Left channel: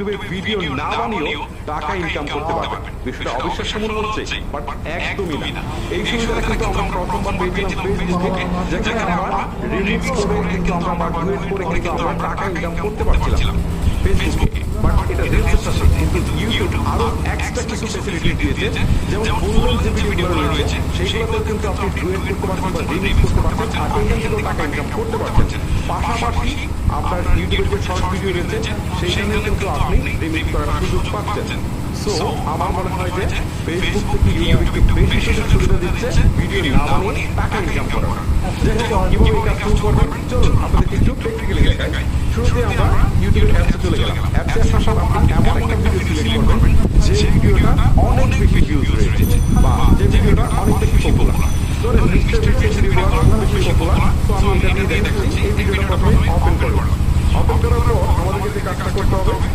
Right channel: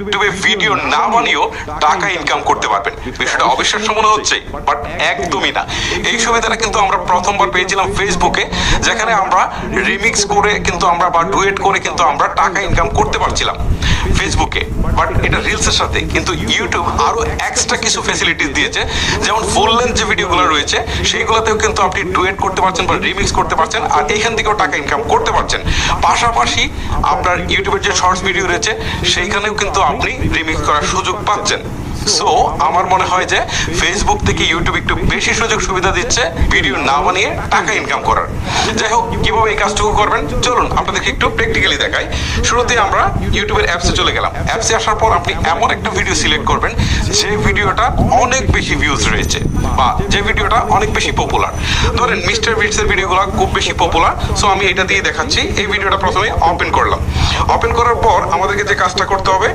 ইউটিউবে ভিডিও না বানিয়েও টাকা ইনকাম করতে পারবেন। বিষয়টা অবিশ্বাস্য মনে হচ্ছে, বাট একদমই না। এই সুবিধাটা কিন্তু আমরা প্রথমবার পেয়েছিলাম ফেসবুকে, যেখানে আমরা রিমিক্স করে কিন্তু আমরা বা ডুয়েট করে কিন্তু আমরা টাকা ইনকাম করতে পারছিলাম ফেসবুকে। বাট এটা রিলসের সাথে কিন্তু ইউটিউব আরো এক্সট্রা কিছু ফ্যাসিলিটিস দিয়েছে, যেমন ফুল লেন্থ যে ভিডিওগুলো রয়েছে সেইগুলোতেও কিন্তু আপনি ডুয়েট করতে পারছেন বা রিমিক্স করতে পারছেন, আর এখান থেকেও টাকা ইনকাম করতে পারছেন। পাশাপাশি আপনার ইউটিউবের যে শর্টস ভিডিও রয়েছে সেইখানেও কিন্তু আপনি রিমিক্স করার সুযোগ পাচ্ছেন। সো আমার মনে হয় যে ফেসবুক থেকে ইউটিউব একটু বেশি সুযোগ সুবিধা দিচ্ছে ভিডিও না বানিয়ে টাকা ইনকাম করার। যাই হোক, কিভাবে এই কাজটুকু করবেন চলুন আপনাদেরকে একটু প্র্যাকটিক্যালি দেখাই। শুরুতে আমরা ইউটিউবের অ্যাপসে চলে গেলাম। অ্যাপসে আসার পর আপনি এমন একটা ভিডিও সিলেক্ট করবেন যে ভিডিওটা অনেক বেশি ভিউজ রয়েছে বা যে ভিডিওটা অনেক বেশি পপুলার। ধরেন মিস্টার বিটসের ভিডিওগুলো খুব বেশি পপুলার, সো আমি এটা দিয়ে দেখাচ্ছি। এই ভিডিওটা প্রথমে ওপেন করলাম। ওপেন করার পর আমাদেরকে যে কাজটা করতে হবে,